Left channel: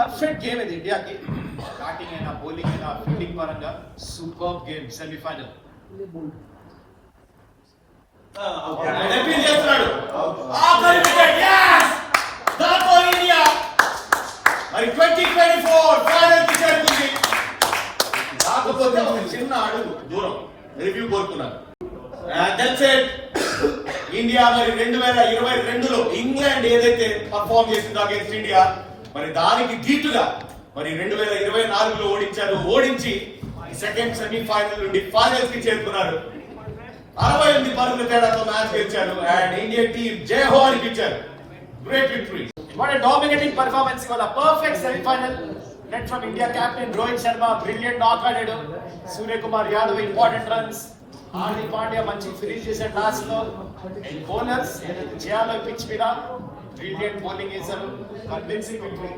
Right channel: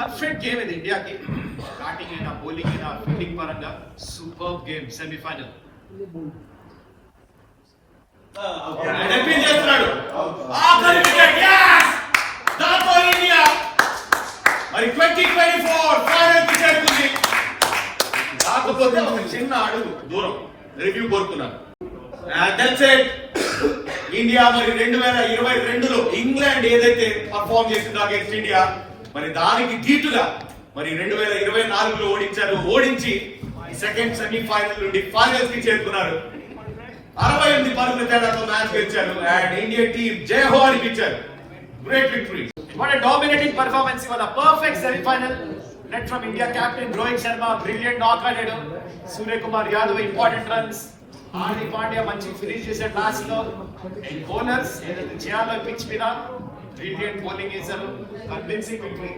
Perfect game ఇది ఇండియాకి. Batting అయినా బౌలింగ్ అయినా ఫీల్డింగ్ పరంగా సూపర్ గేమ్. సెమీఫైనల్ మరి 2024 ఫైనల్ కి చేరుకుంది. కాకపోతే ఒక చిన్న అడుగు దూరం రివ్యూ కోరుకున్నాను. ఇండియా మరి 2022లో ఇంగ్లాండ్ ఏదైతే పర్ఫార్మ్ చేసిందో అగేన్స్ట్ ఇండియా, మరి దానికి ధీటుగా మరి 2024లో ఓడించి సెకండ్ సెమీఫైనల్ నుండి ఫైనల్స్ కి చేరుకున్నారు. 68 పరుగుల తేడాతో మ్యాచ్ గెలిచారు అండ్ ఇండియన్ టీమ్ జై హో అని పిలిచారు. Great victory. What a dominating performance. Ivala perfect semi-final. Led from India captain Rohit Sharma, brilliant knock adu. Surya Kumar Yadav important runs. Hardik Pandya manchi finish chesaru last lo. Bowlers eduthu cheyalo pitch మీద brilliant bowling చేశారు. Convincing victory.